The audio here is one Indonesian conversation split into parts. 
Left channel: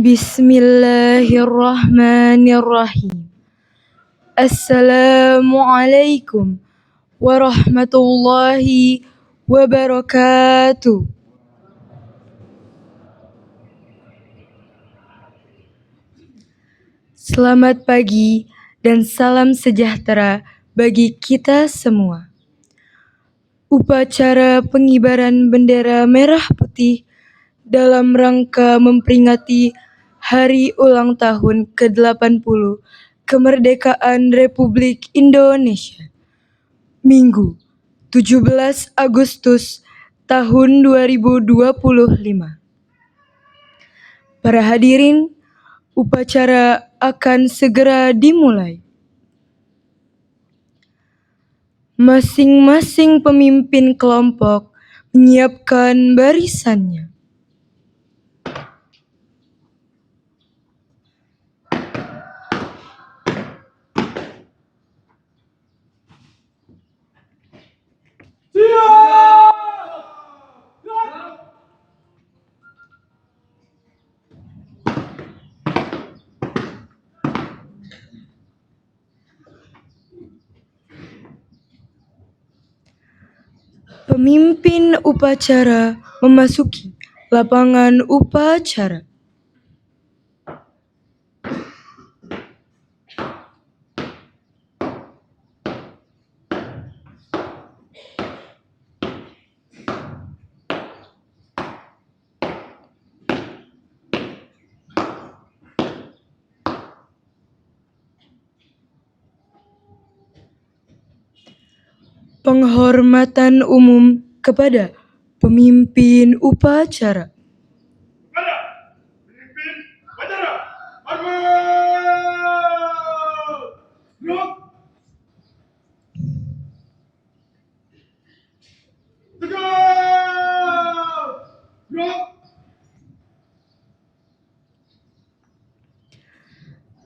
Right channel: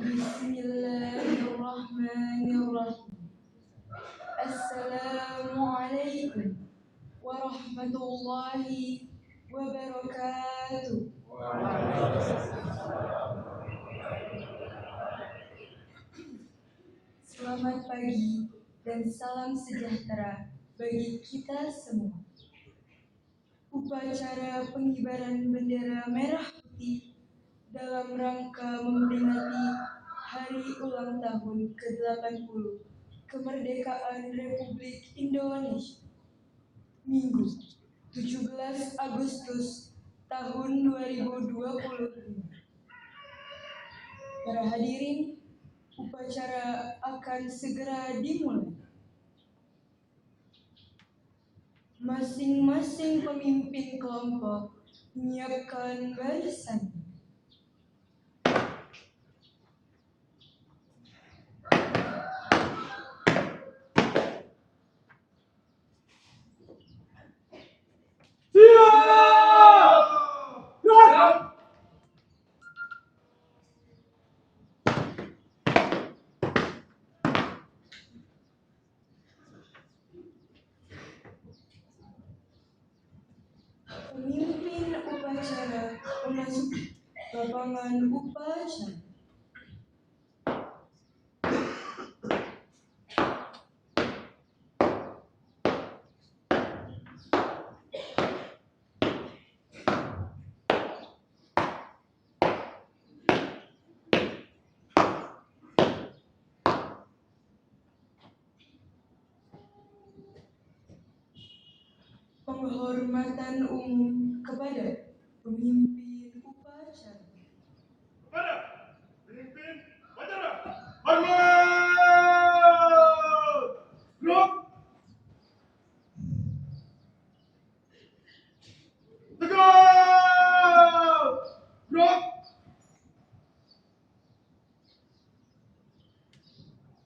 Bismillahirrahmanirrahim. Assalamualaikum warahmatullahi wabarakatuh. Selamat pagi dan salam sejahtera bagi kita semua. Upacara pengibaran bendera merah putih dalam rangka memperingati Hari Ulang Tahun ke-80 Kemerdekaan Republik Indonesia. Minggu, 17 Agustus tahun 2025. Para hadirin, upacara akan segera dimulai. Masing-masing pemimpin kelompok menyiapkan barisannya. Pemimpin upacara memasuki lapangan upacara. Penghormatan umum kepada pemimpin upacara. Kepada pemimpin upacara, hormat! Gerak! Tegak! Gerak!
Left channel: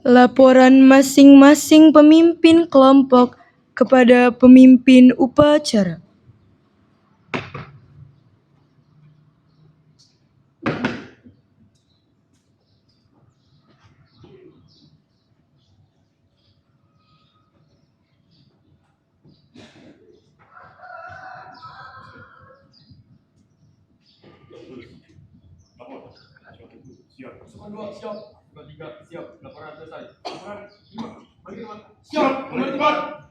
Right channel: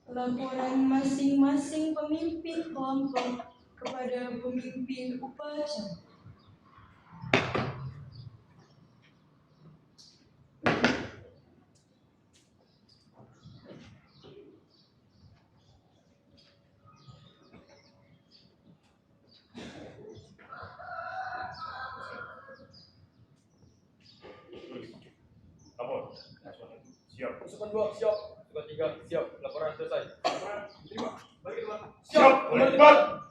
Laporan masing-masing pemimpin kelompok kepada pemimpin upacara. Lapor. Siap. Pasukan 2 siap. Pasukan 3 siap. Laporan selesai. Laporan 5. Bagi teman. Siap. Kembali tempat.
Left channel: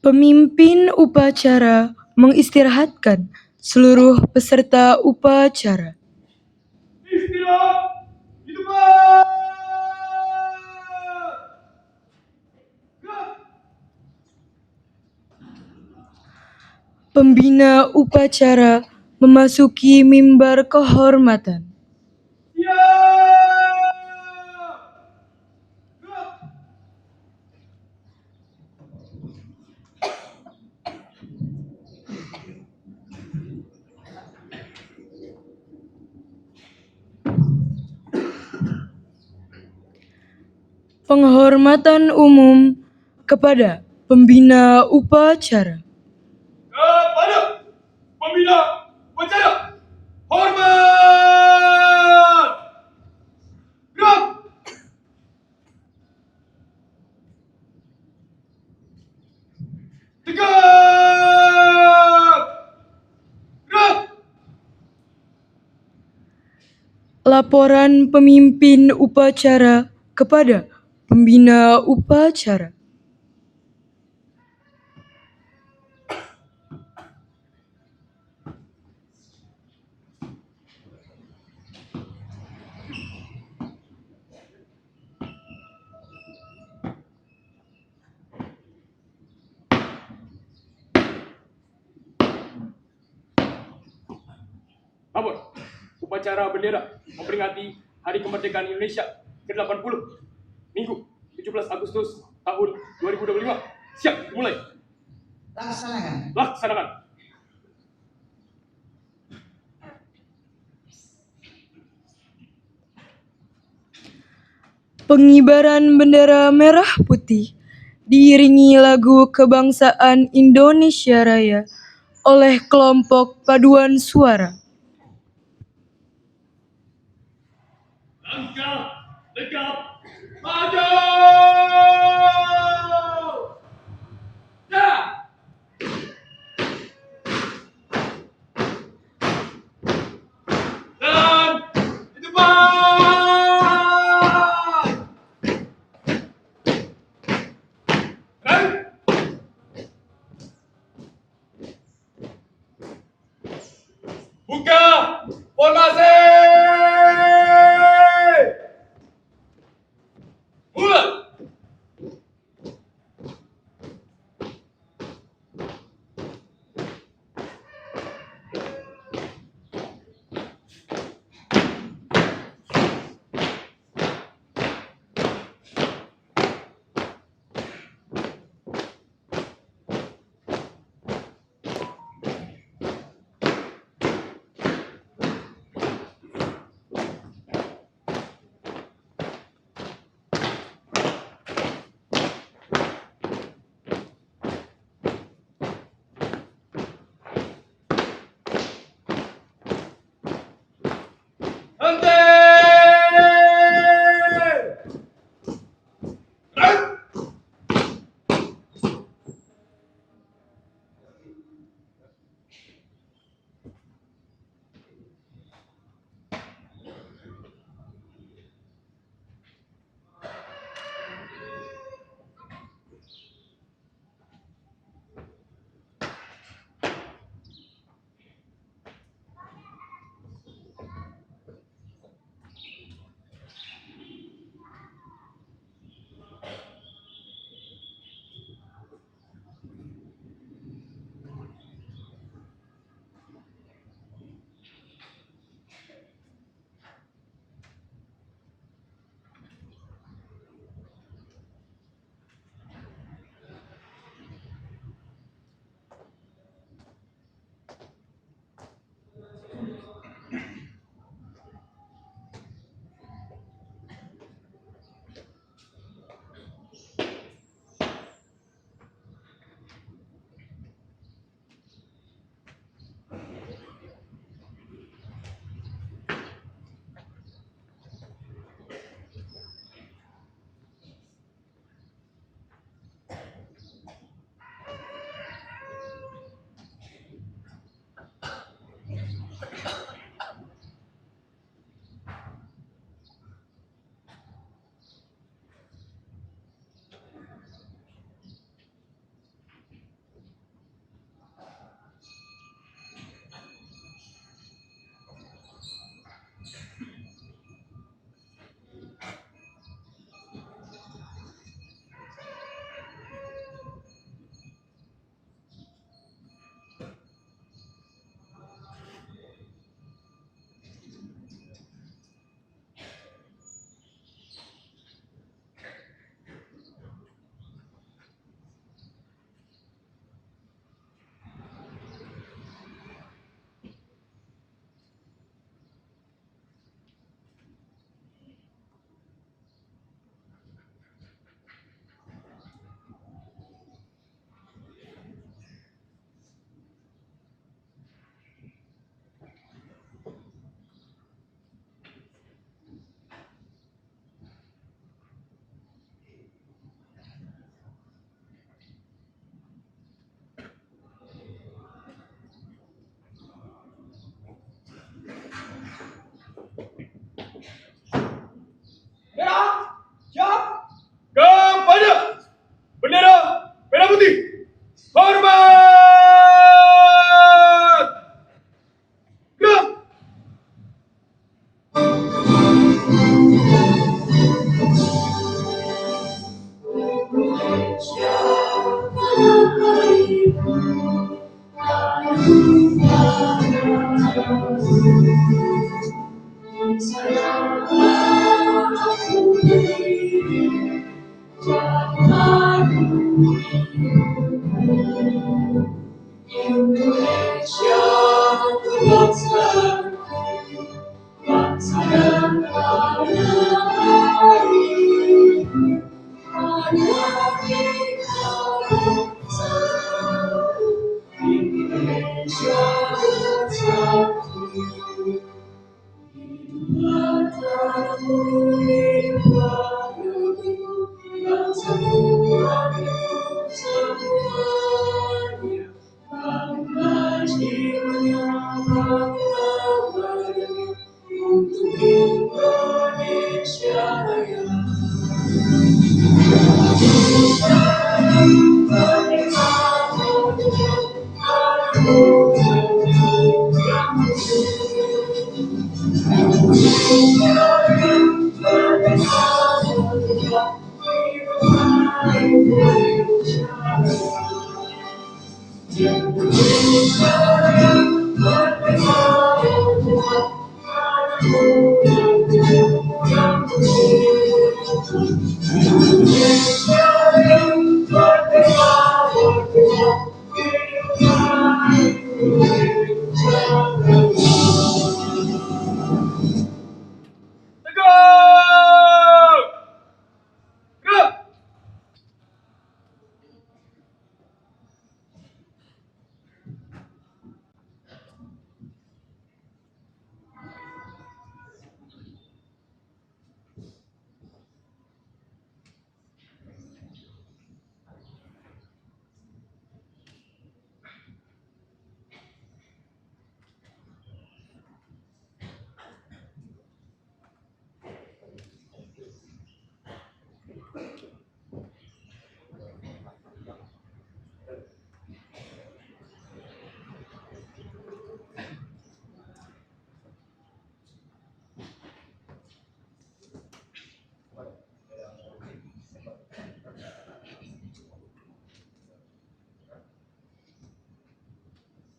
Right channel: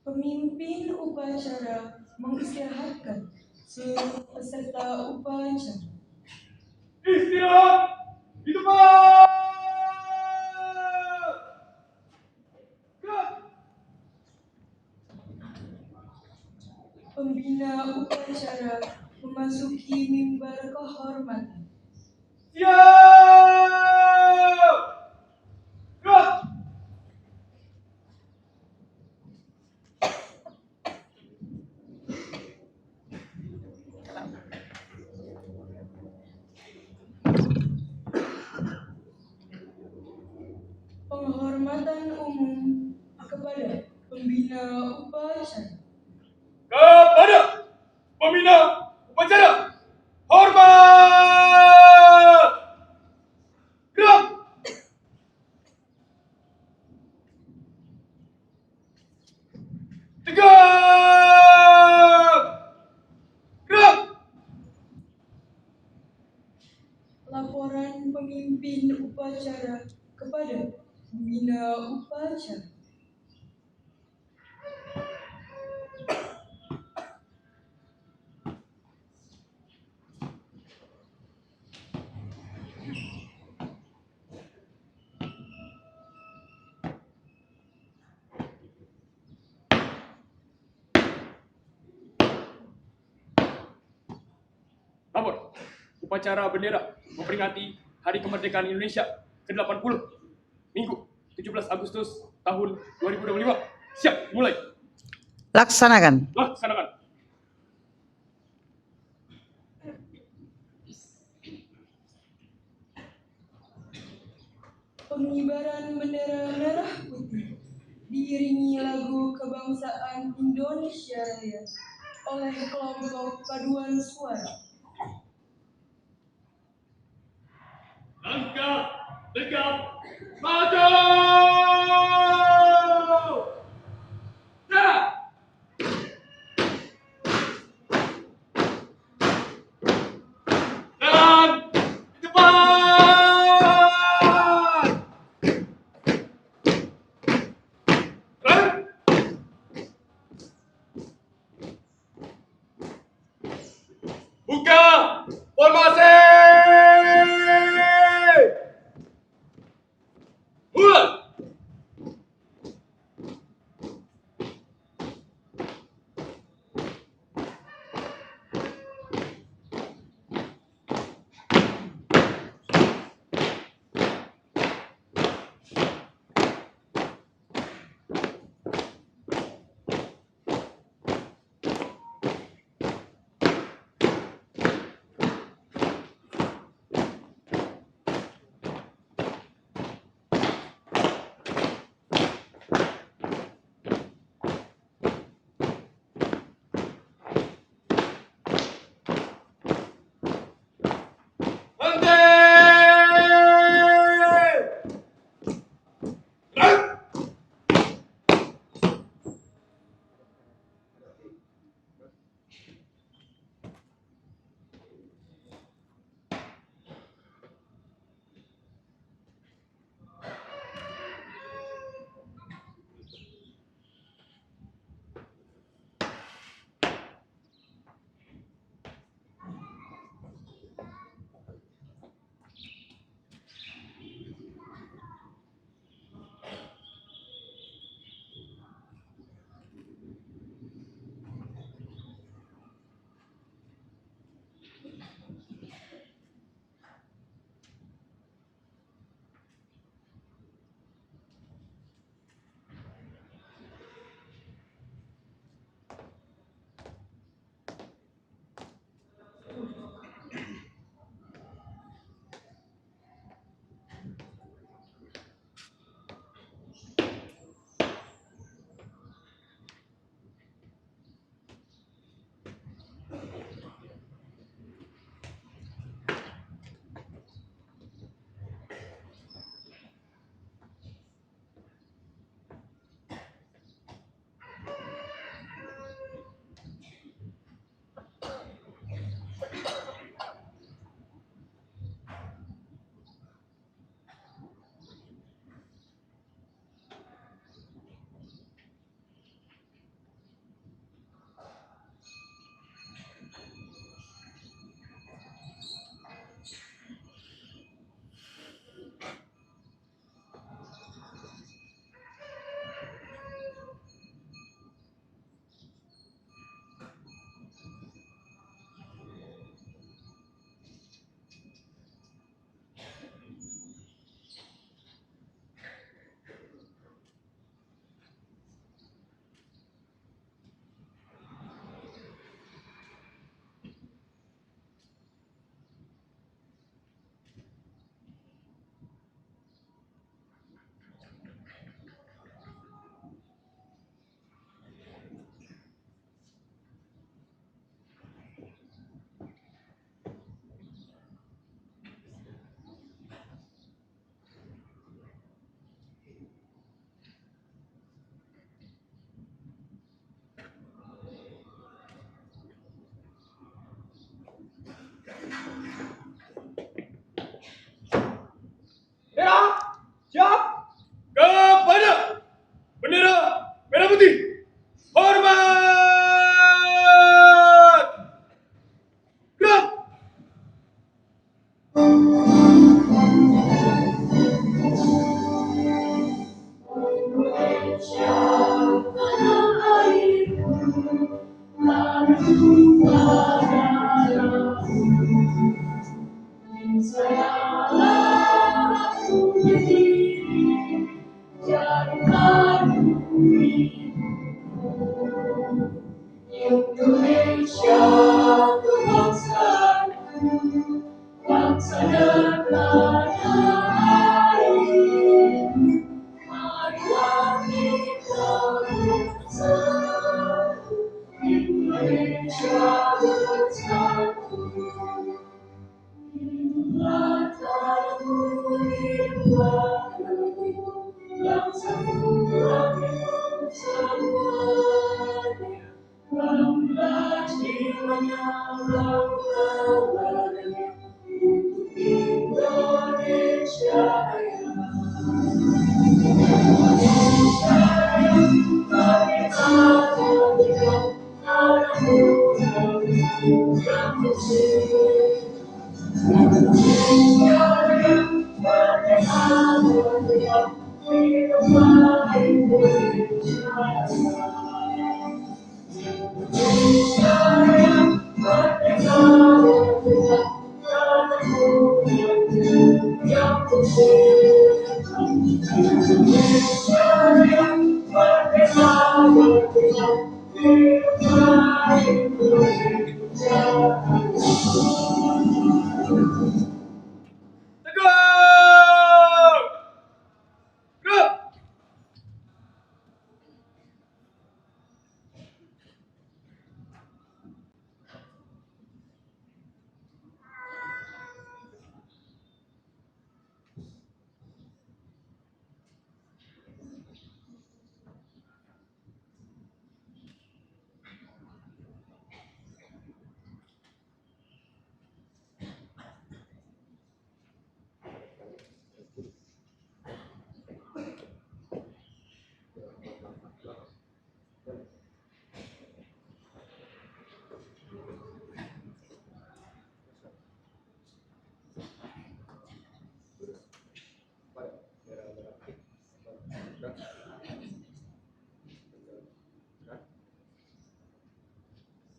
Pemimpin upacara mengistirahatkan seluruh peserta upacara. Istirahat di tempat. Gerak. Pembina upacara memasuki mimbar kehormatan. Siap. Gerak. Penghormatan umum kepada pembina upacara. Kepada pembina upacara, hormat! Gerak! Tegak! Gerak! Laporan pemimpin upacara kepada pembina upacara. Lapor. Upacara bendera memperingati Hari Kemerdekaan Indonesia ke-80 Minggu 17 Agustus tahun 2025. Siap, mulai. Laksanakan. Laksanakan. Pengibaran bendera merah putih diiringi lagu kebangsaan Indonesia Raya oleh kelompok paduan suara. Langkah tegap maju. Nah. Dan di depan. Dan buka formasi. Mulai. Tegak! Gerak!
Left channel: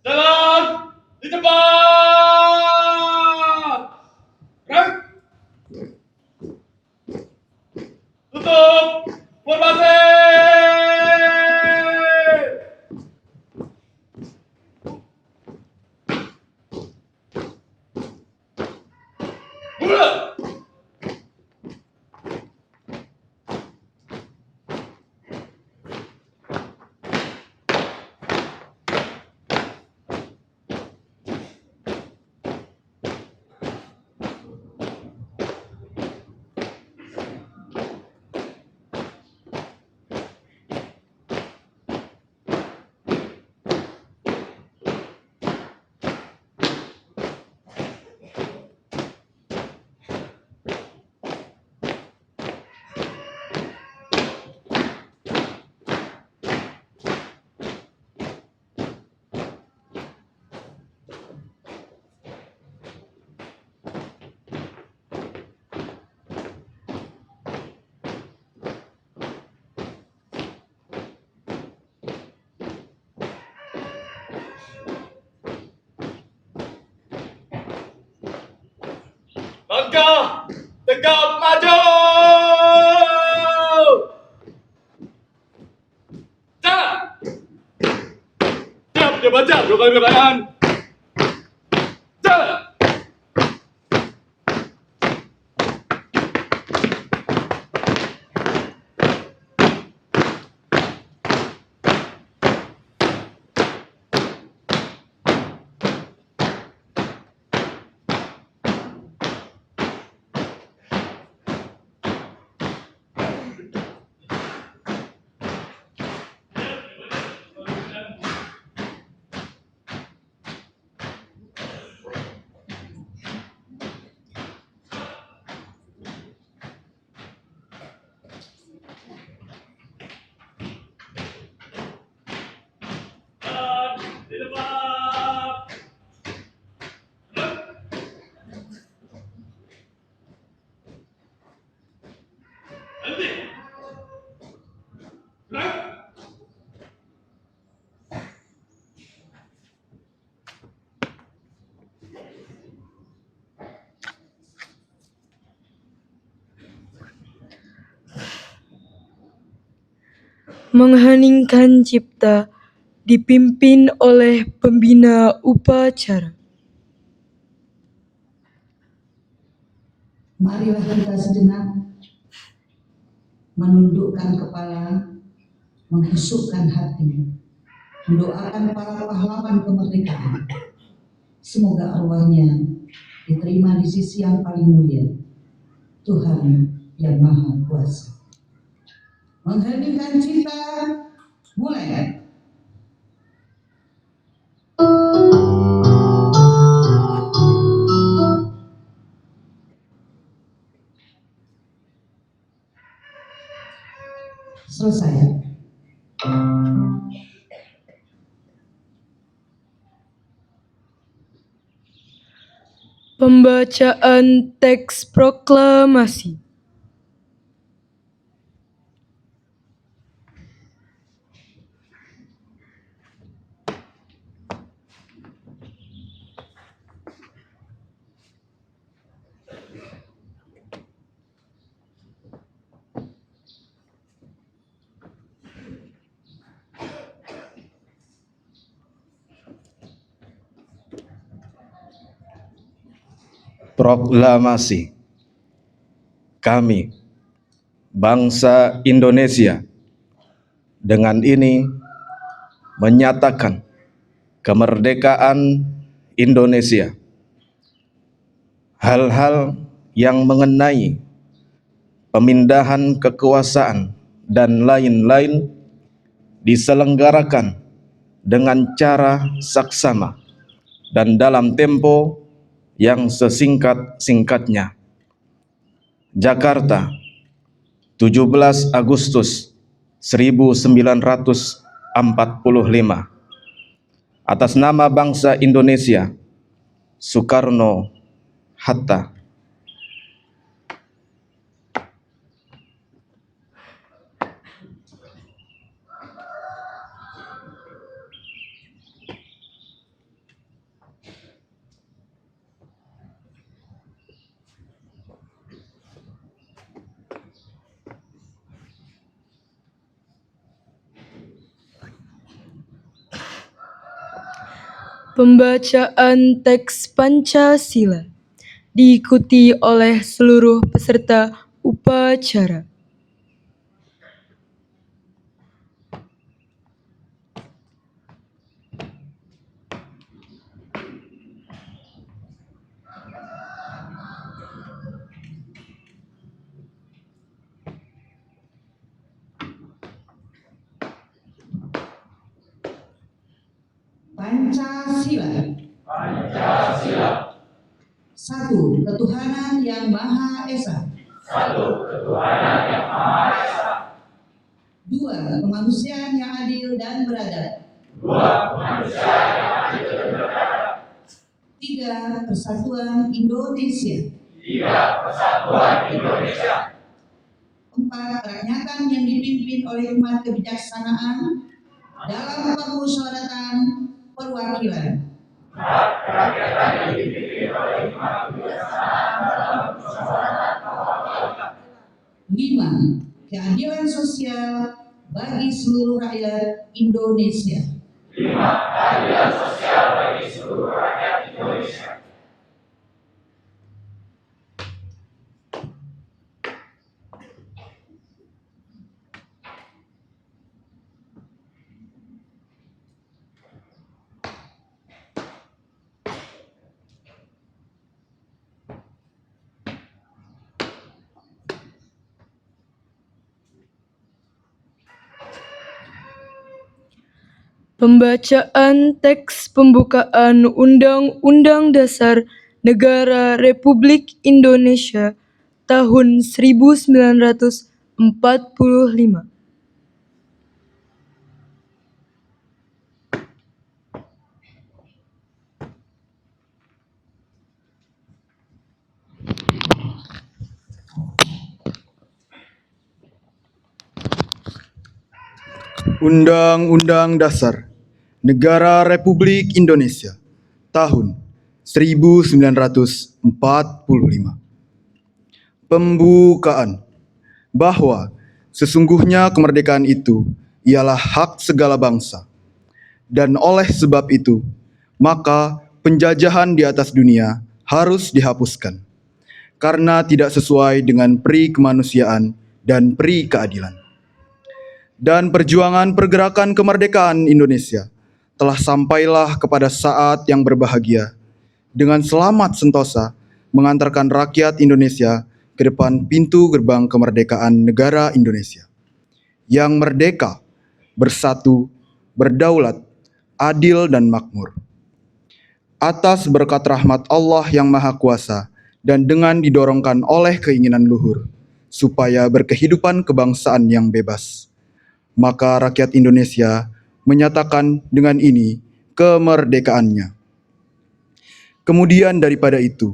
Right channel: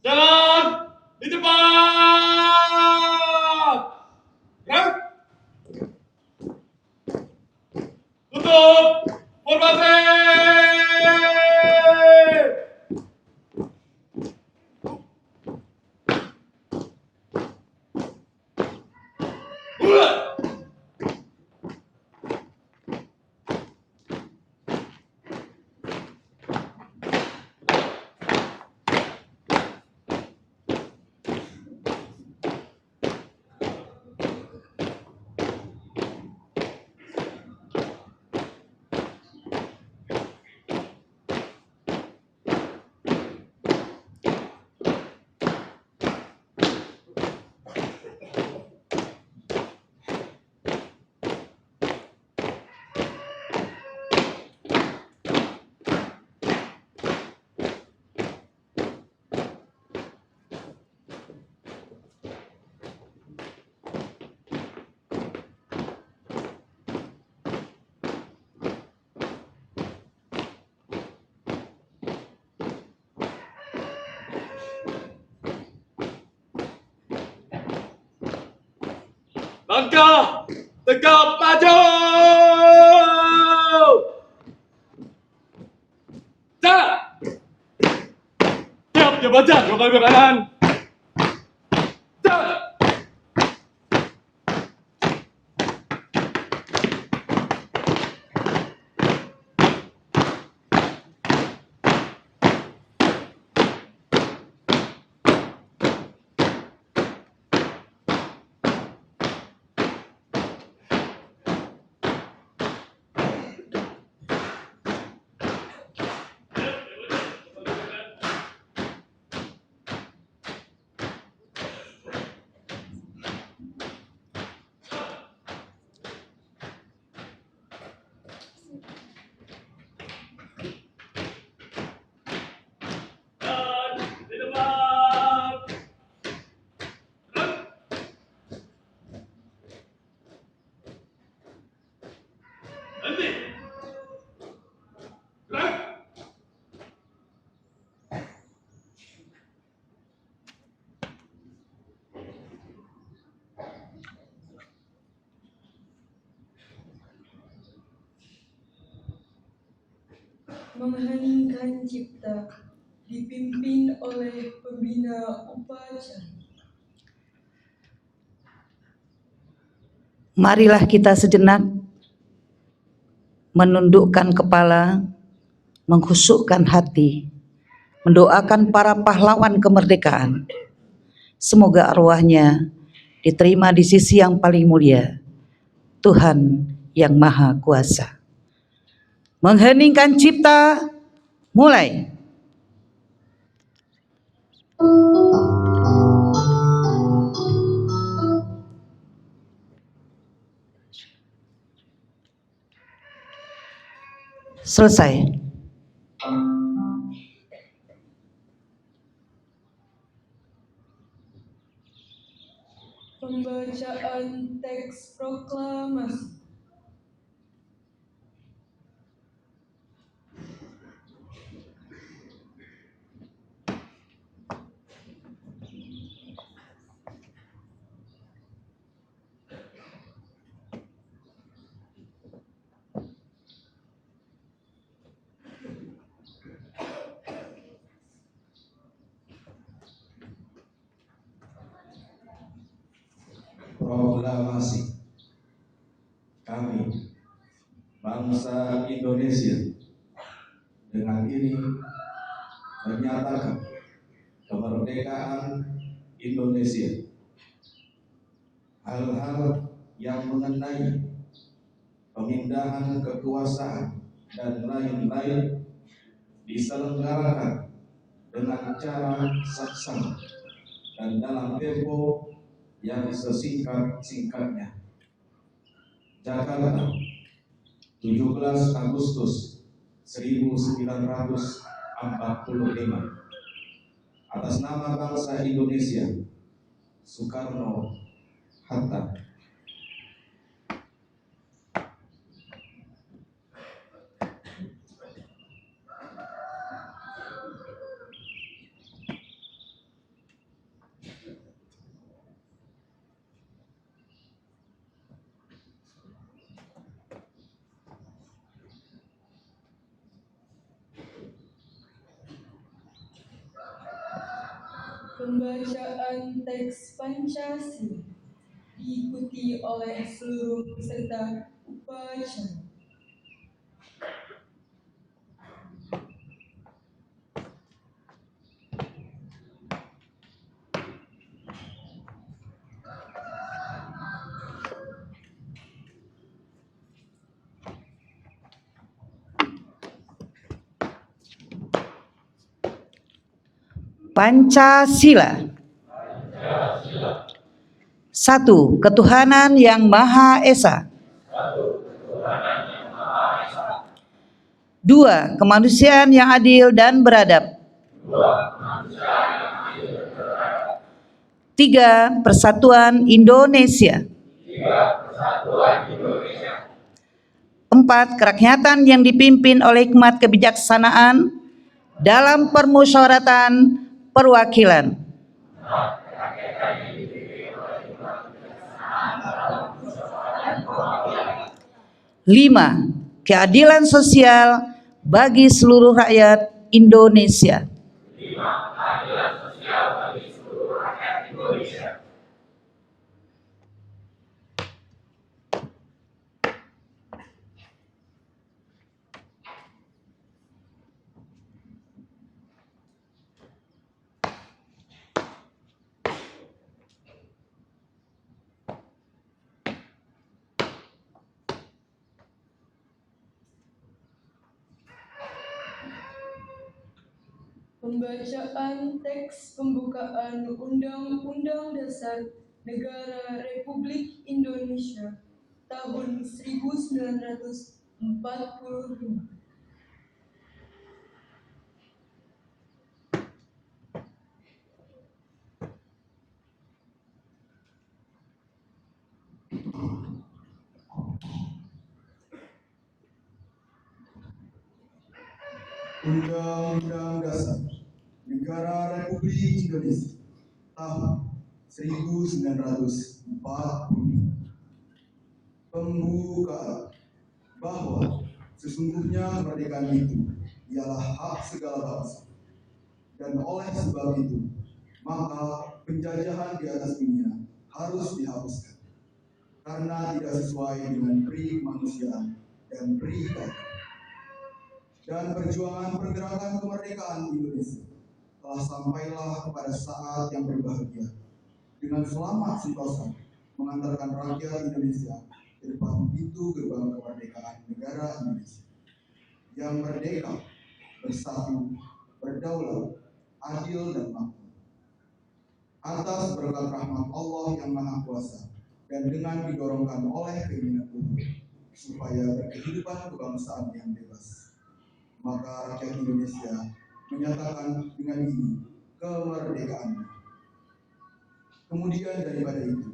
Jalan di depan. Gerak. Tutup. Formasi. Mulai. Langkah tegap maju. Jalan. Diam, diam aja. Dua kali berkaitan. Jalan. Dan di depan. Henti. Gerak. Mengheningkan cipta dipimpin oleh pembina upacara. Marilah kita sejenak menundukkan kepala, menghusukkan hati, mendoakan para pahlawan kemerdekaan. Semoga arwahnya diterima di sisi yang paling mulia, Tuhan yang Maha Kuasa. Mengheningkan cipta, mulai. Selesai. Pembacaan teks proklamasi. Proklamasi. Kami, bangsa Indonesia, dengan ini menyatakan kemerdekaan Indonesia. Hal-hal yang mengenai pemindahan kekuasaan dan lain-lain diselenggarakan dengan cara saksama dan dalam tempo yang sesingkat-singkatnya. Jakarta, 17 Agustus 1945. Atas nama bangsa Indonesia, Soekarno-Hatta. Pembacaan teks Pancasila diikuti oleh seluruh peserta upacara. Pancasila. Satu, ketuhanan yang Maha Esa. Dua, kemanusiaan yang adil dan beradab. Tiga, persatuan Indonesia. Empat, kerakyatan yang dipimpin oleh hikmat kebijaksanaan dalam permusyawaratan perwakilan. Lima, keadilan sosial bagi seluruh rakyat Indonesia. Pembacaan teks pembukaan Undang-Undang Dasar Negara Republik Indonesia tahun 1945. Undang-Undang Dasar Negara Republik Indonesia tahun 1945. Pembukaan. Bahwa sesungguhnya kemerdekaan itu ialah hak segala bangsa, dan oleh sebab itu maka penjajahan di atas dunia harus dihapuskan karena tidak sesuai dengan peri kemanusiaan dan peri keadilan. Dan perjuangan pergerakan kemerdekaan Indonesia telah sampailah kepada saat yang berbahagia dengan selamat sentosa mengantarkan rakyat Indonesia ke depan pintu gerbang kemerdekaan negara Indonesia yang merdeka, bersatu, berdaulat, adil dan makmur. Atas berkat rahmat Allah yang Maha Kuasa dan dengan didorongkan oleh keinginan luhur supaya berkehidupan kebangsaan yang bebas, maka rakyat Indonesia menyatakan dengan ini kemerdekaannya. Kemudian daripada itu,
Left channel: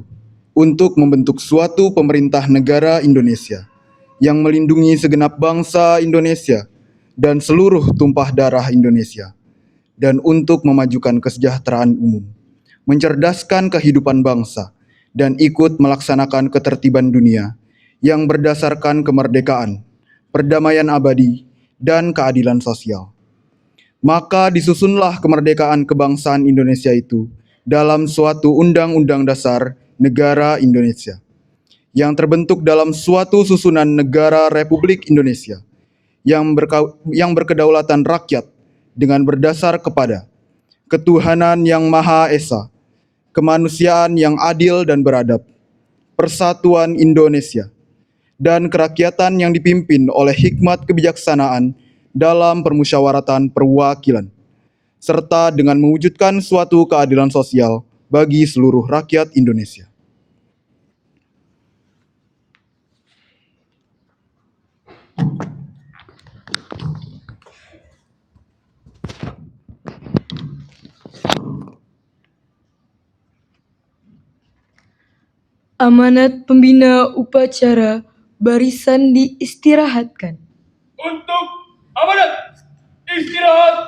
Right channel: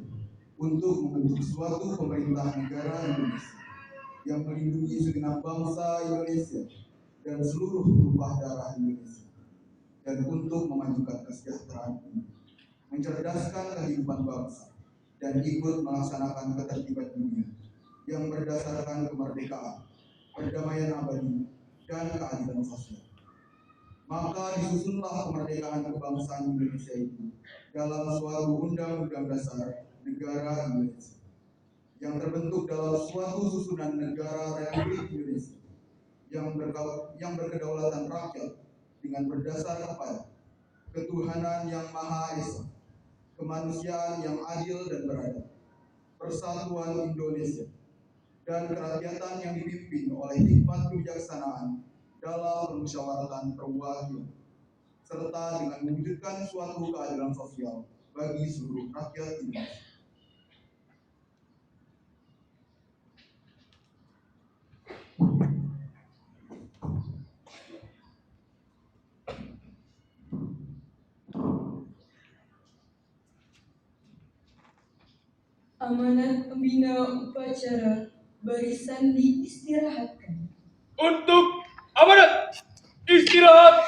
untuk membentuk suatu pemerintah negara Indonesia yang melindungi segenap bangsa Indonesia dan seluruh tumpah darah Indonesia, dan untuk memajukan kesejahteraan umum, mencerdaskan kehidupan bangsa, dan ikut melaksanakan ketertiban dunia yang berdasarkan kemerdekaan, perdamaian abadi, dan keadilan sosial. Maka disusunlah kemerdekaan kebangsaan Indonesia itu dalam suatu undang-undang dasar negara Indonesia, yang terbentuk dalam suatu susunan negara Republik Indonesia, yang berkedaulatan rakyat dengan berdasar kepada ketuhanan yang Maha Esa, kemanusiaan yang adil dan beradab, persatuan Indonesia, dan kerakyatan yang dipimpin oleh hikmat kebijaksanaan dalam permusyawaratan perwakilan, serta dengan mewujudkan suatu keadilan sosial bagi seluruh rakyat Indonesia. Amanat pembina upacara barisan diistirahatkan. Untuk amanat istirahat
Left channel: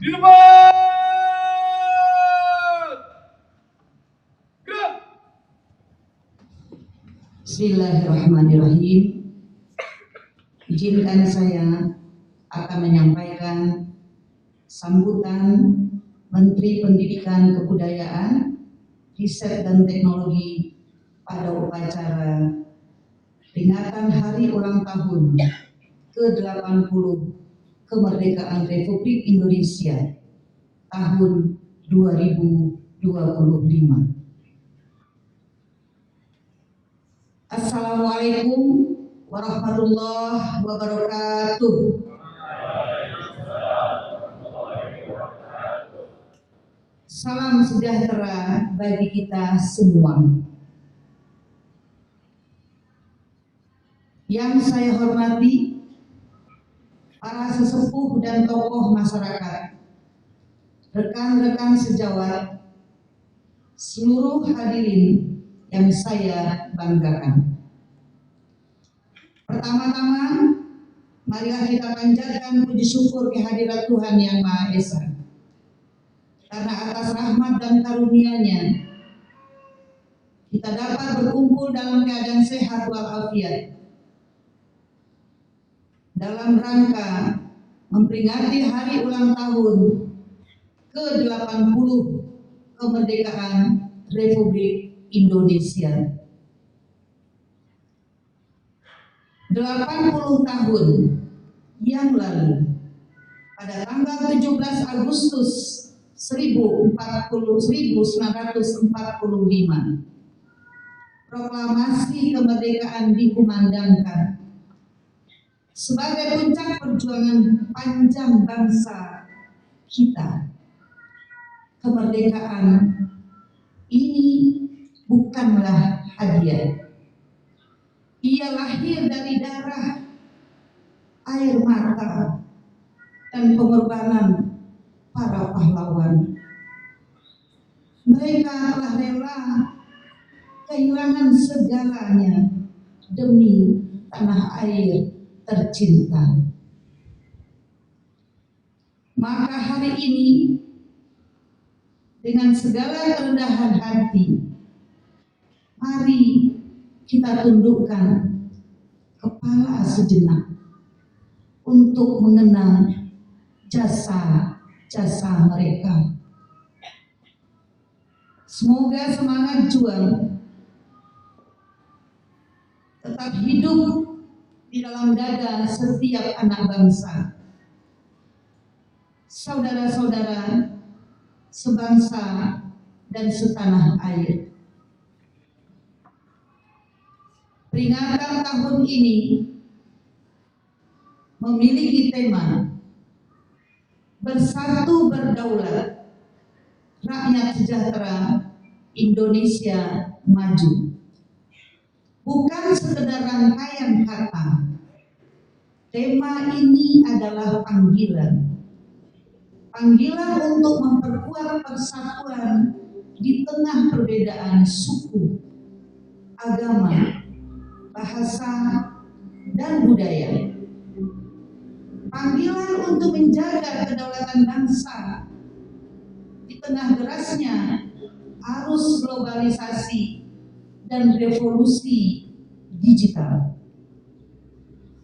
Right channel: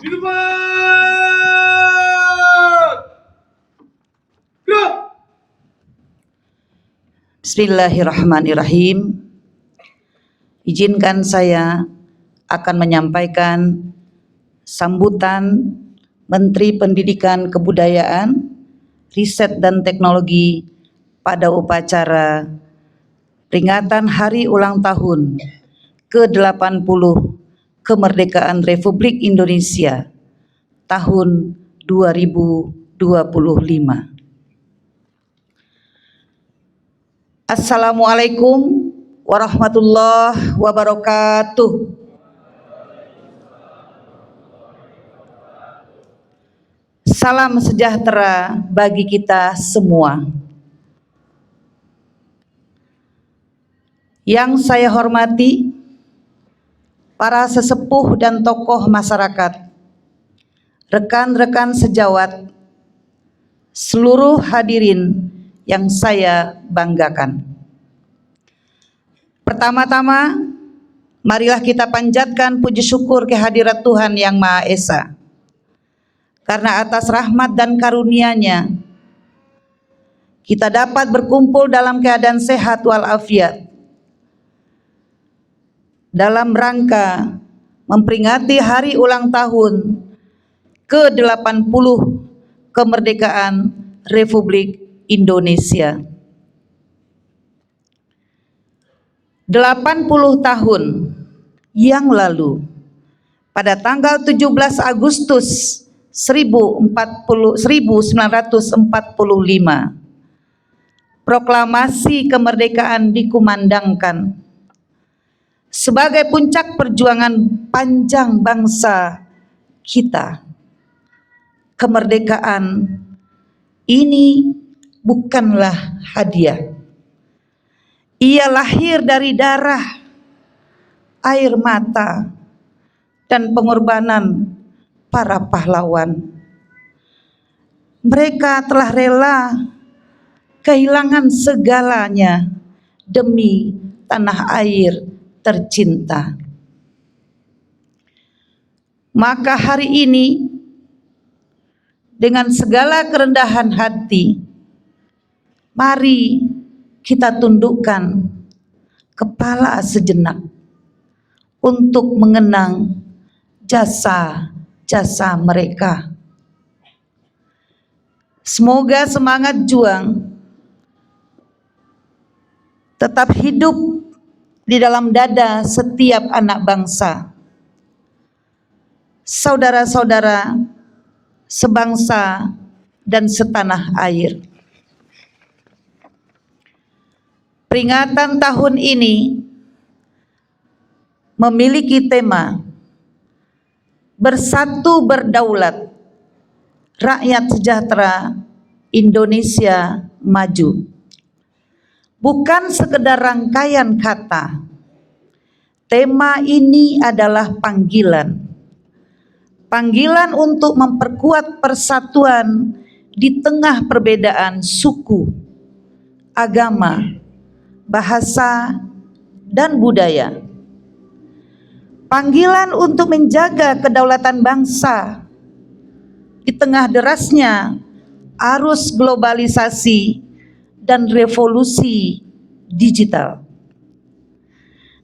di tempat. Gerak. Bismillahirrahmanirrahim. Izinkan saya akan menyampaikan sambutan Menteri Pendidikan Kebudayaan, Riset dan Teknologi pada upacara peringatan Hari Ulang Tahun ke-80 Kemerdekaan Republik Indonesia tahun 2025. Assalamualaikum warahmatullahi wabarakatuh. Salam sejahtera bagi kita semua. Yang saya hormati para sesepuh dan tokoh masyarakat, rekan-rekan sejawat, seluruh hadirin yang saya banggakan. Pertama-tama, marilah kita panjatkan puji syukur kehadirat Tuhan Yang Maha Esa. Karena atas rahmat dan karunia-Nya, kita dapat berkumpul dalam keadaan sehat walafiat dalam rangka memperingati hari ulang tahun ke-80 kemerdekaan Republik Indonesia. 80 tahun yang lalu, pada tanggal 17 Agustus 1945, proklamasi kemerdekaan dikumandangkan sebagai puncak perjuangan panjang bangsa kita. Kemerdekaan ini bukanlah hadiah. Ia lahir dari darah, air mata, dan pengorbanan para pahlawan. Mereka telah rela kehilangan segalanya demi tanah air tercinta. Maka hari ini, dengan segala kerendahan hati, mari kita tundukkan kepala sejenak untuk mengenang jasa-jasa mereka. Semoga semangat juang tetap hidup di dalam dada setiap anak bangsa, saudara-saudara sebangsa dan setanah air. Peringatan tahun ini memiliki tema Bersatu Berdaulat, Rakyat Sejahtera, Indonesia Maju. Bukan sekedar rangkaian kata. Tema ini adalah panggilan. Panggilan untuk memperkuat persatuan di tengah perbedaan suku, agama, bahasa, dan budaya. Panggilan untuk menjaga kedaulatan bangsa di tengah derasnya arus globalisasi dan revolusi digital.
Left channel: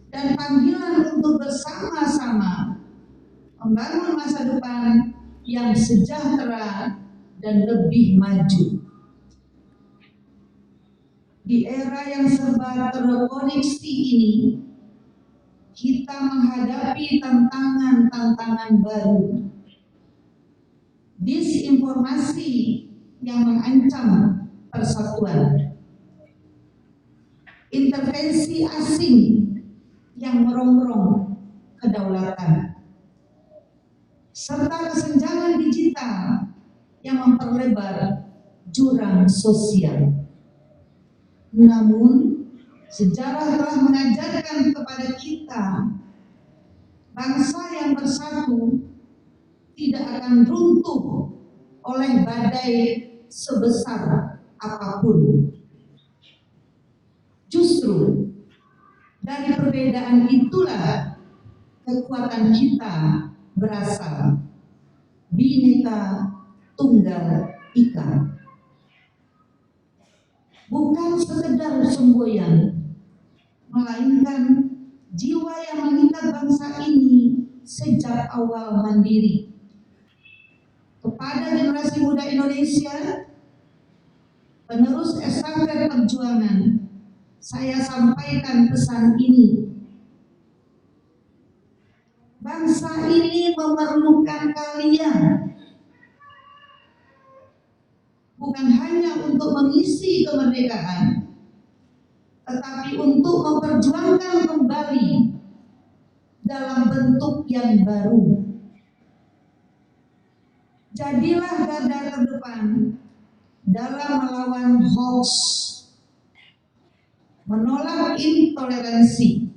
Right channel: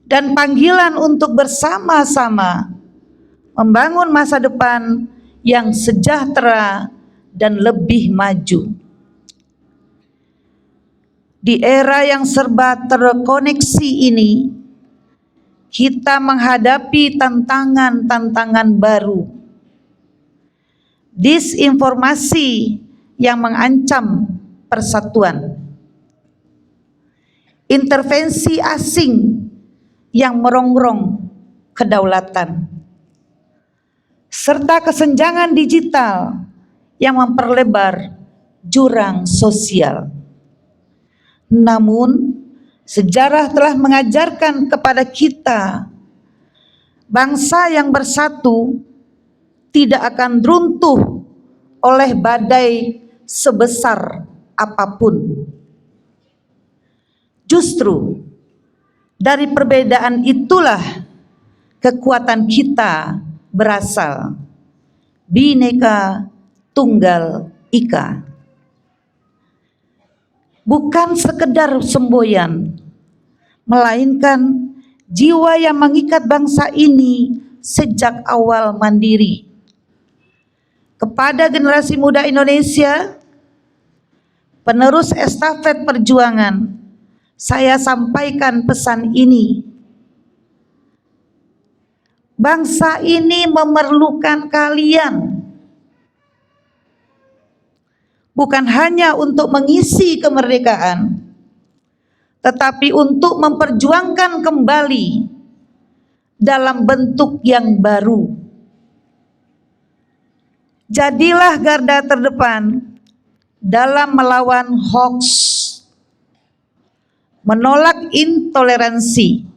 Dan panggilan untuk bersama-sama membangun masa depan yang sejahtera dan lebih maju. Di era yang serba terkoneksi ini, kita menghadapi tantangan-tantangan baru. Disinformasi yang mengancam persatuan. Intervensi asing yang merongrong kedaulatan. Serta kesenjangan digital yang memperlebar jurang sosial. Namun, sejarah telah mengajarkan kepada kita, bangsa yang bersatu tidak akan runtuh oleh badai sebesar apapun. Justru dari perbedaan itulah kekuatan kita berasal. Bhinneka Tunggal Ika. Bukan sekedar semboyan, melainkan jiwa yang mengikat bangsa ini sejak awal mandiri. Kepada generasi muda Indonesia, penerus estafet perjuangan, saya sampaikan pesan ini. Bangsa ini memerlukan kalian. Bukan hanya untuk mengisi kemerdekaan, tetapi untuk memperjuangkan kembali dalam bentuk yang baru. Jadilah garda terdepan dalam melawan hoax, menolak intoleransi,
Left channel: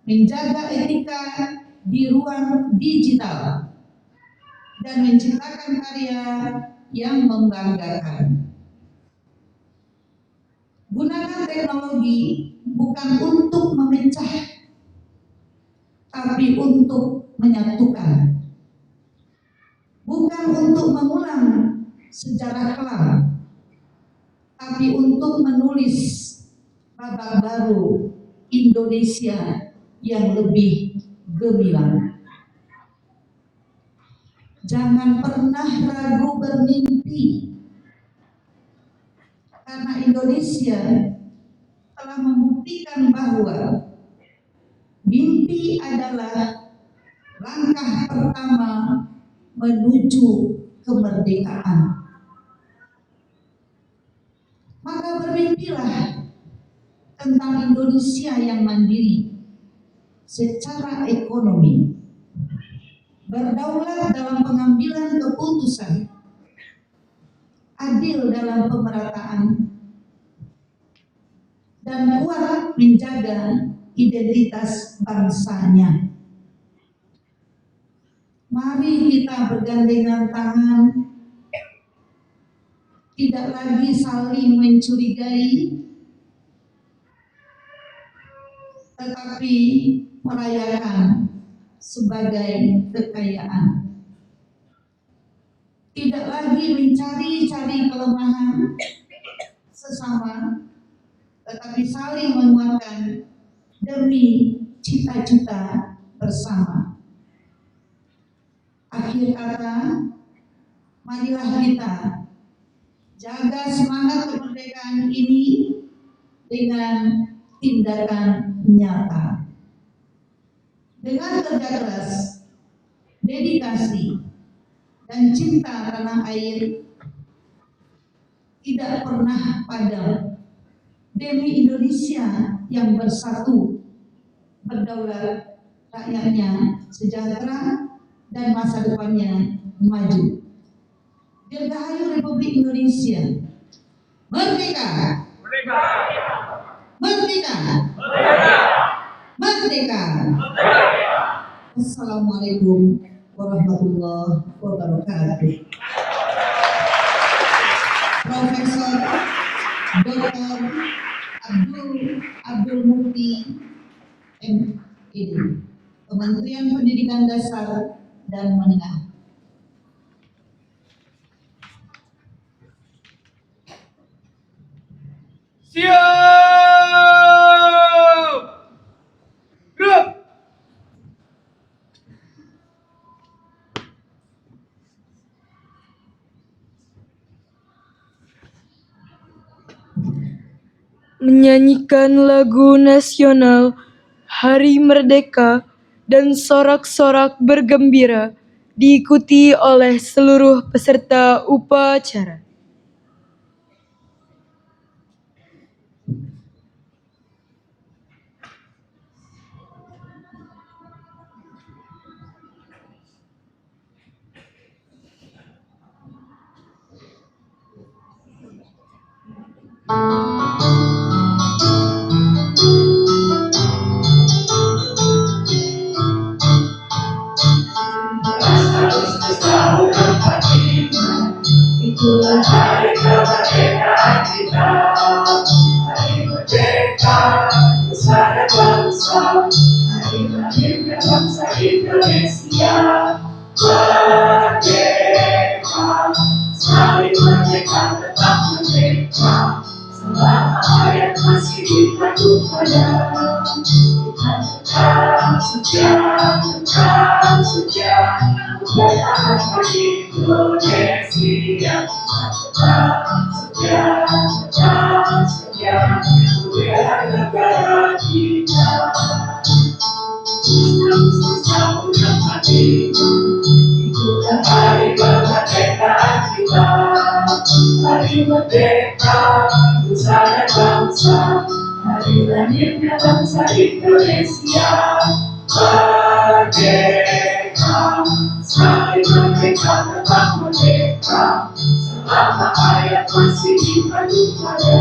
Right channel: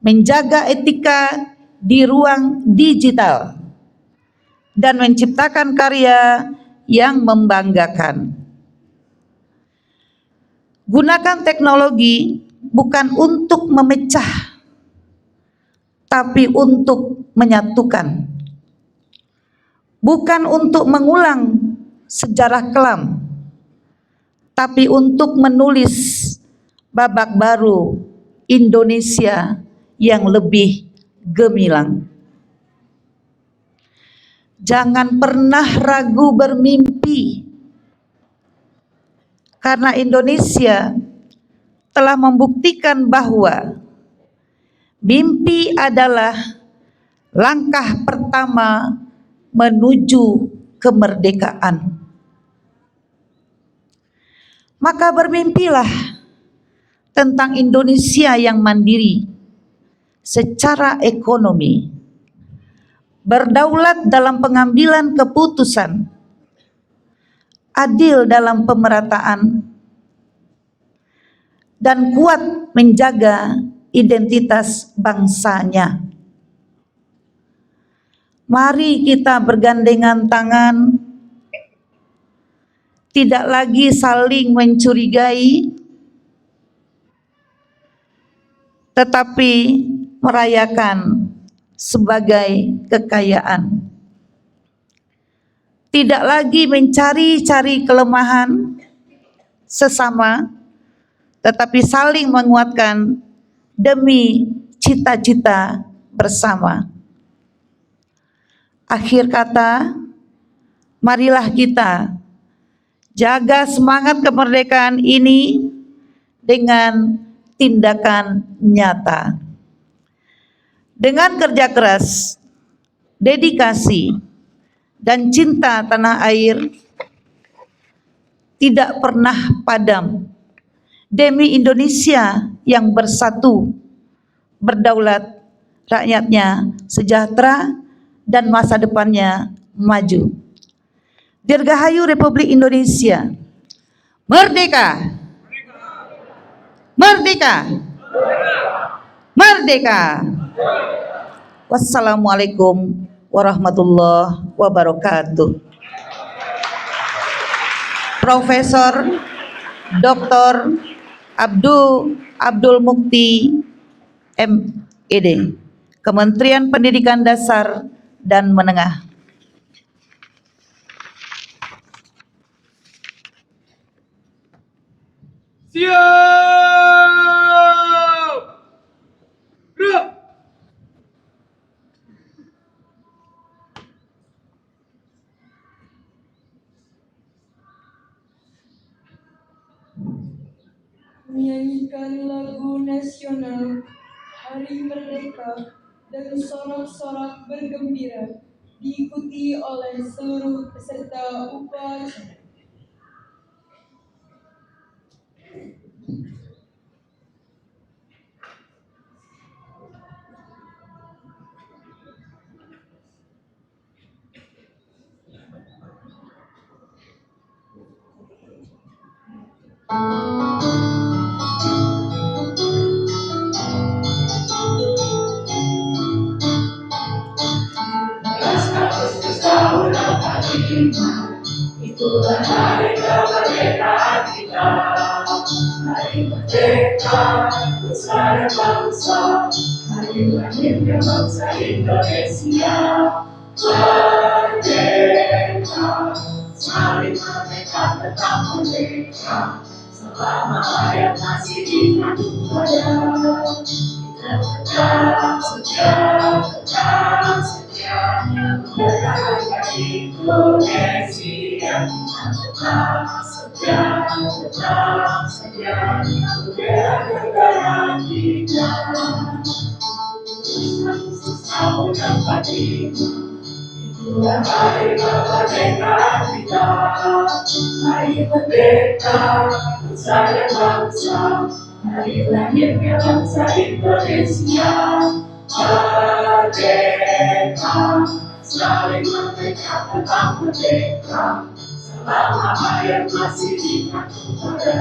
menjaga etika di ruang digital, dan menciptakan karya yang membanggakan. Gunakan teknologi bukan untuk memecah, tapi untuk menyatukan. Bukan untuk mengulang sejarah kelam, tapi untuk menulis babak baru Indonesia yang lebih gemilang. Jangan pernah ragu bermimpi, karena Indonesia telah membuktikan bahwa mimpi adalah langkah pertama menuju kemerdekaan. Maka bermimpilah tentang Indonesia yang mandiri secara ekonomi, berdaulat dalam pengambilan keputusan, adil dalam pemerataan, dan kuat menjaga identitas bangsanya. Mari kita bergandengan tangan, tidak lagi saling mencurigai, tetapi merayakan sebagai kekayaan. Tidak lagi mencari-cari kelemahan sesama, tetapi saling menguatkan demi cita-cita bersama. Akhir kata, marilah kita jaga semangat kemerdekaan ini dengan tindakan nyata. Dengan kerja keras, dedikasi, dan cinta tanah air tidak pernah padam demi Indonesia yang bersatu, berdaulat, rakyatnya sejahtera, dan masa depannya maju. Dirgahayu Republik Indonesia. Merdeka! Merdeka! Merdeka! Wassalamualaikum warahmatullahi wabarakatuh. Profesor Dr. Abdul Mukti MED, Kementerian Pendidikan Dasar dan Menengah. Siap! Gerak! menyanyikan lagu nasional Hari Merdeka dan sorak-sorak bergembira diikuti oleh seluruh peserta upacara. Itulah hari kemerdekaan kita, hari merdeka nusa dan bangsa, hari lahirnya bangsa Indonesia. Merdeka, saling merdeka tetap merdeka, selama ayat masih ditandu pada kita tetap setia, membela Indonesia. Kita tetap setia, membela negara kita. Tahun empati, itulah hari kemerdekaan kita, hari merdeka nusa dan bangsa, hari lahirnya bangsa Indonesia. Merdeka, saling merdeka tetap merdeka, selama ayat masih dipandu pada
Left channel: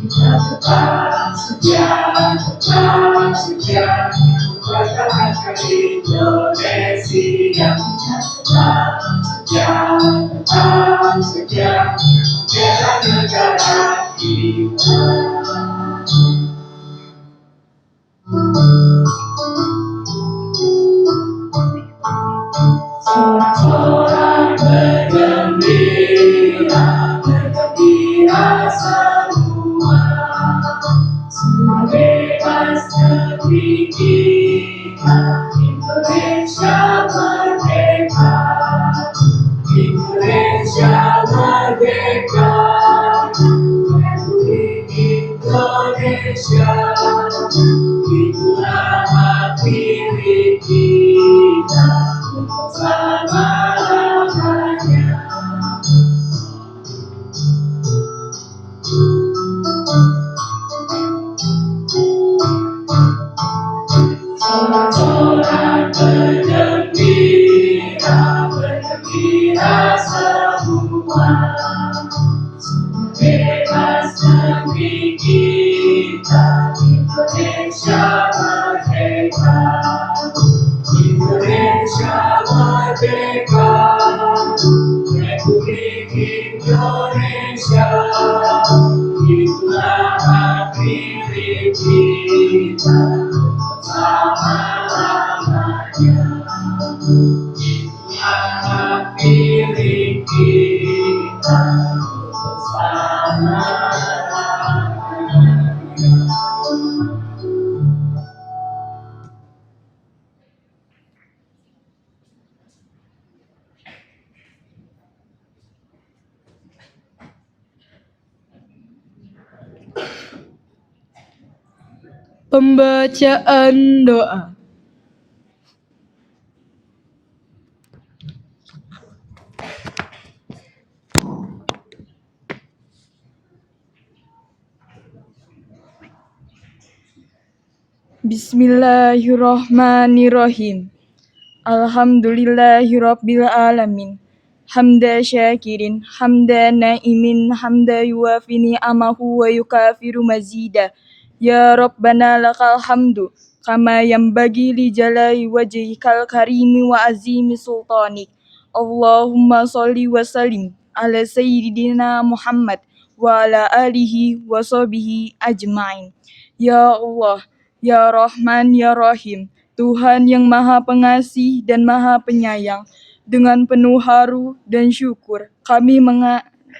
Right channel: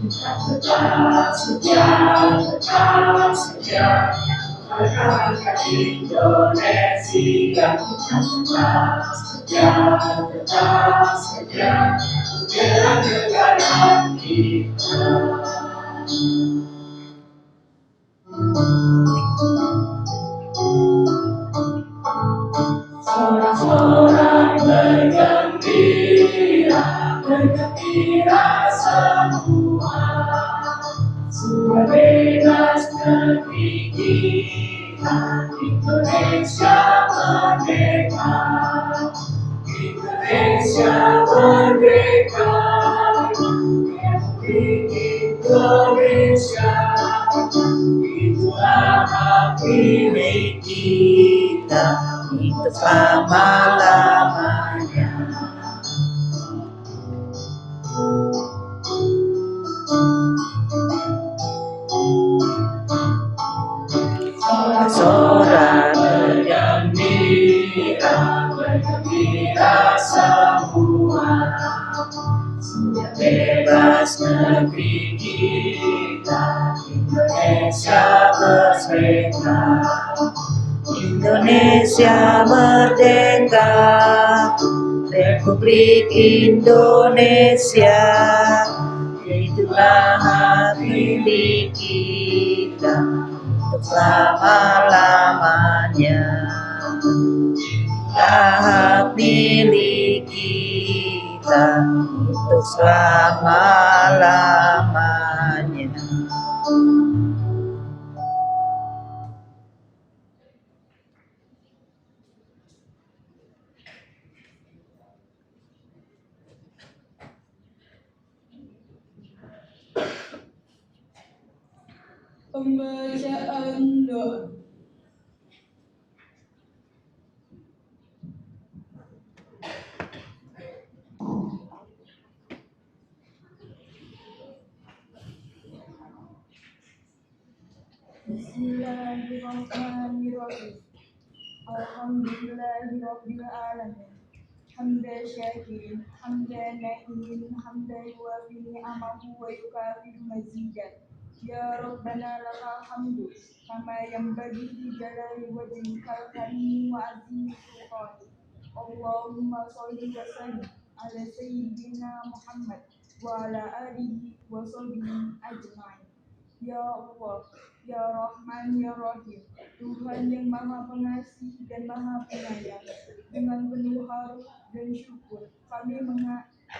kita tetap setia, mempertahankan Indonesia. Kita tetap setia, membela negara kita. Sorak-sorak bergembira semua, sudah bebas negeri kita, Indonesia merdeka, Indonesia merdeka, Republik Indonesia, itulah hak milik kita selama-lamanya. Sorak-sorak bergembira semua, sudah bebas negeri kita, Indonesia merdeka, Indonesia merdeka, Republik Indonesia, itulah hak milik kita selama-lamanya. Itulah hak milik kita selama-lamanya. Pembacaan doa. Bismillahirrahmanirrahim. Alhamdulillahirabbil alamin. Hamda syakirin, hamda naimin, hamda yuafi ni'amahu wa yukafiru mazida. Ya Rabbana lakal hamdu, kama yanbaghi li jalali wajhikal karimi wa azimi sultanik. Allahumma sholli wa sallim ala sayyidina Muhammad wa ala alihi wa sahbihi ajma'in. Ya Allah, Ya Rahman, Ya Rahim, Tuhan yang Maha Pengasih dan Maha Penyayang, dengan penuh haru dan syukur kami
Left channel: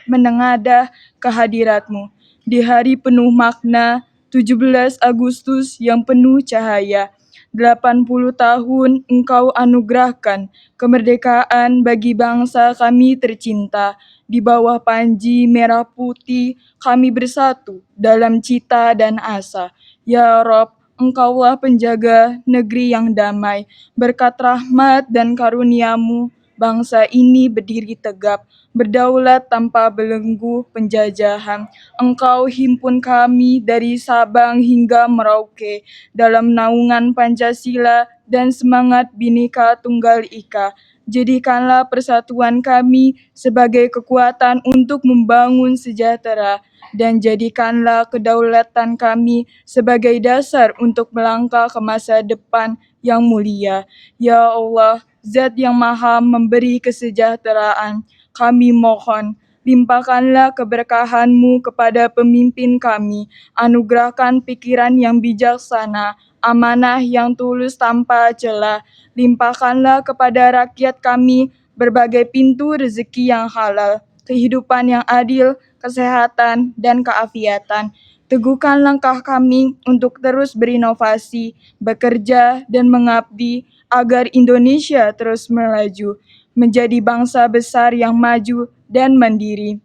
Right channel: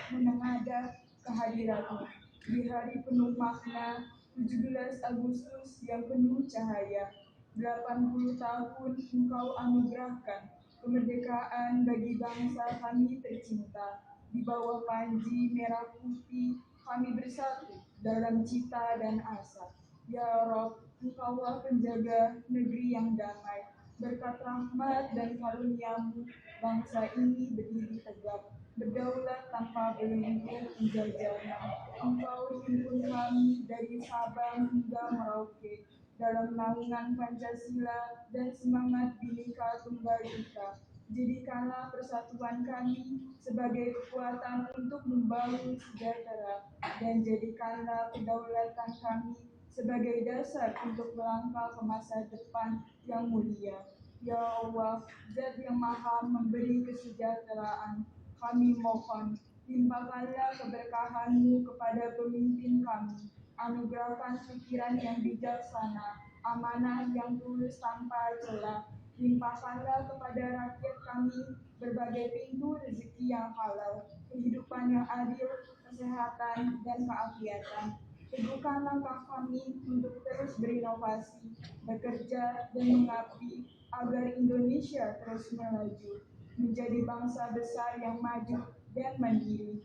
menengadah kehadirat-Mu di hari penuh makna 17 Agustus yang penuh cahaya. 80 tahun Engkau anugerahkan kemerdekaan bagi bangsa kami tercinta di bawah panji merah putih kami bersatu dalam cita dan asa. Ya Rob, Engkaulah penjaga negeri yang damai. Berkat rahmat dan karuniamu, bangsa ini berdiri tegap, berdaulat tanpa belenggu penjajahan. Engkau himpun kami dari Sabang hingga Merauke dalam naungan Pancasila dan semangat Bhinneka Tunggal Ika. Jadikanlah persatuan kami sebagai kekuatan untuk membangun sejahtera dan jadikanlah kedaulatan kami sebagai dasar untuk melangkah ke masa depan yang mulia. Ya Allah, Zat yang Maha memberi kesejahteraan, kami mohon, limpahkanlah keberkahan-Mu kepada pemimpin kami, anugerahkan pikiran yang bijaksana, amanah yang tulus tanpa celah, limpahkanlah kepada rakyat kami berbagai pintu rezeki yang halal, kehidupan yang adil, kesehatan, dan keafiatan. Teguhkan langkah kami untuk terus berinovasi, bekerja, dan mengabdi agar Indonesia terus melaju, menjadi bangsa besar yang maju dan mandiri.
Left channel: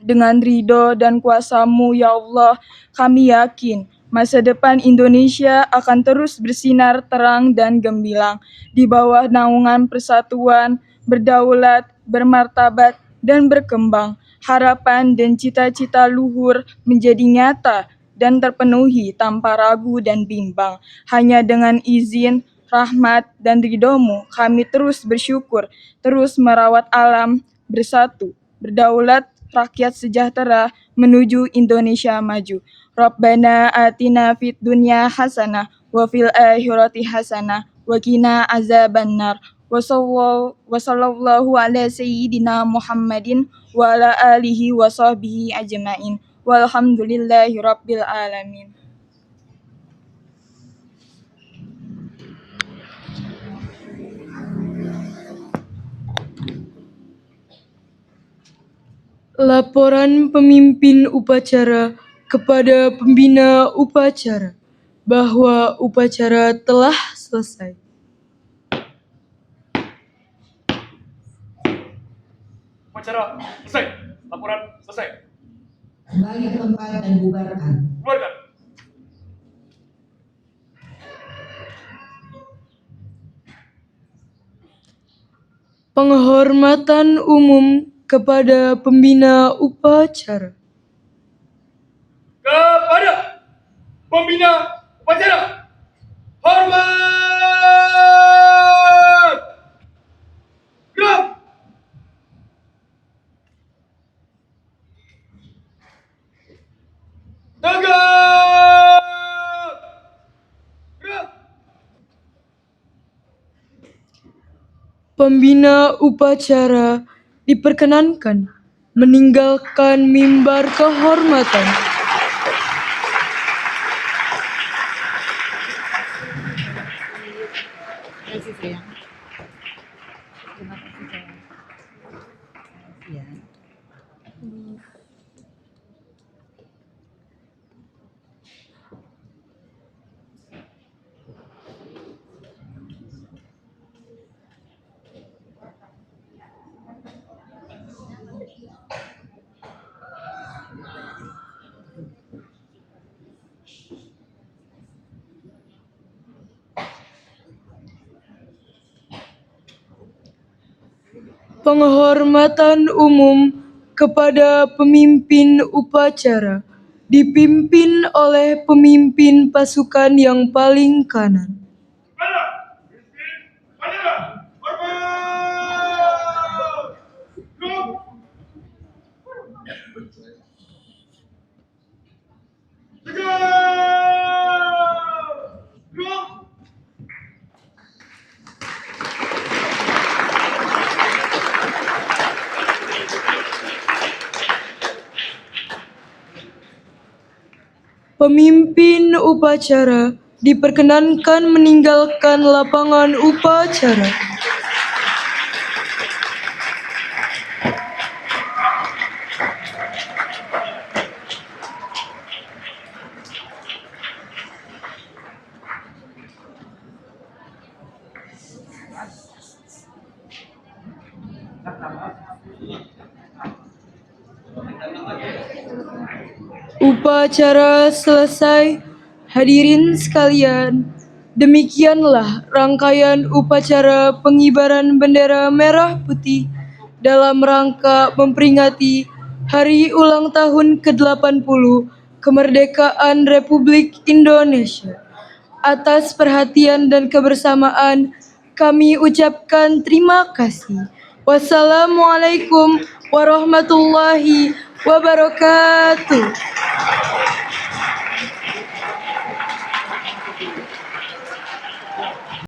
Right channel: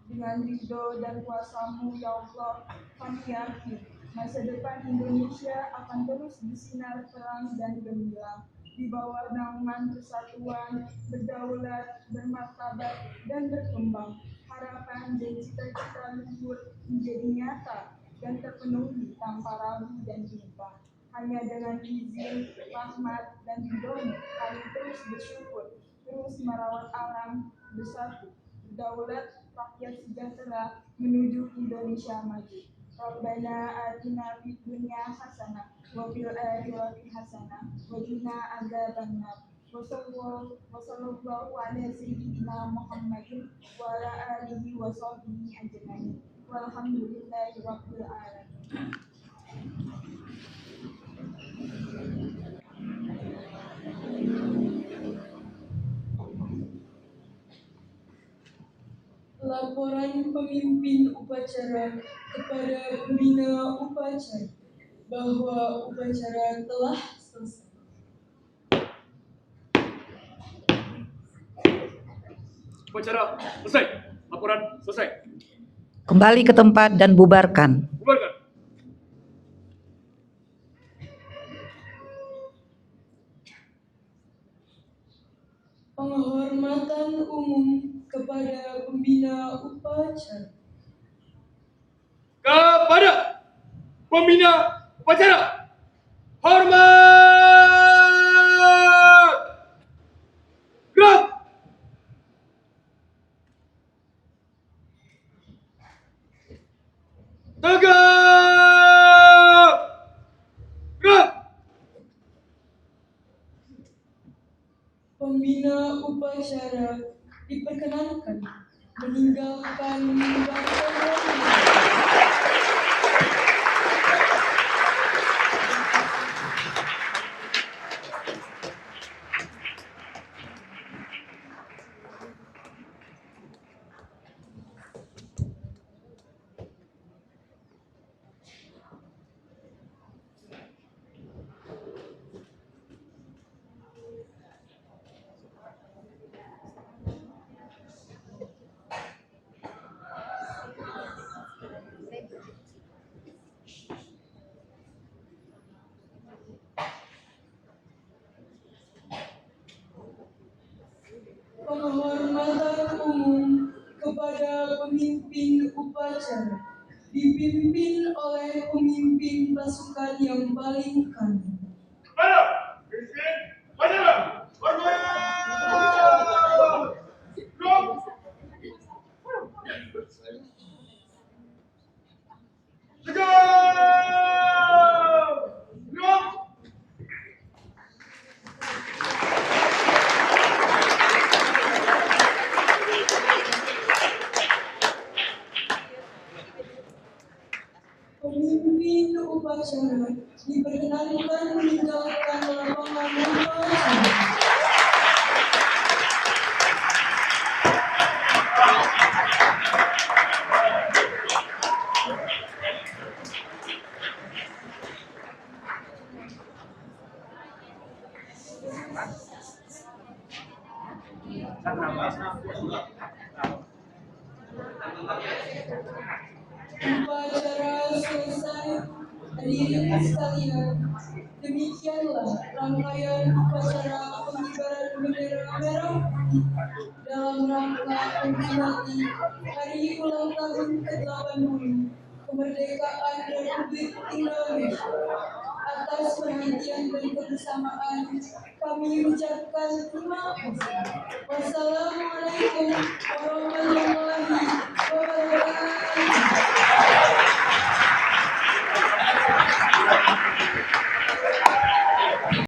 Dengan ridho dan kuasa-Mu, ya Allah, kami yakin masa depan Indonesia akan terus bersinar terang dan gemilang di bawah naungan persatuan, berdaulat, bermartabat, dan berkembang. Harapan dan cita-cita luhur menjadi nyata dan terpenuhi tanpa ragu dan bimbang. Hanya dengan izin, rahmat, dan ridho-Mu kami terus bersyukur, terus merawat alam, bersatu, berdaulat, rakyat sejahtera menuju Indonesia maju. Rabbana atina fid dunya hasanah wa fil akhirati hasanah wa qina azabannar. Wa sallallahu ala sayyidina Muhammadin wa ala alihi wa sahbihi ajmain. Walhamdulillahi rabbil alamin. Laporan pemimpin upacara kepada pembina upacara bahwa upacara telah selesai. Upacara selesai. Laporan selesai. Kembali ke tempat dan bubarkan. Bubarkan. Penghormatan umum kepada pembina upacara. Kepada pembina upacara, hormat. Gerak. Tegak. Gerak. Pembina upacara diperkenankan meninggalkan mimbar kehormatan. Penghormatan umum kepada pemimpin upacara dipimpin oleh pemimpin pasukan yang paling kanan. Pada pemimpin upacara, hormat. Gerak. Tegak. Gerak. Pemimpin upacara diperkenankan meninggalkan lapangan upacara. Upacara selesai. Hadirin sekalian, demikianlah rangkaian upacara pengibaran bendera merah putih dalam rangka memperingati Hari Ulang Tahun ke-80 Kemerdekaan Republik Indonesia. Atas perhatian dan kebersamaan, kami ucapkan terima kasih. Wassalamualaikum warahmatullahi wabarakatuh.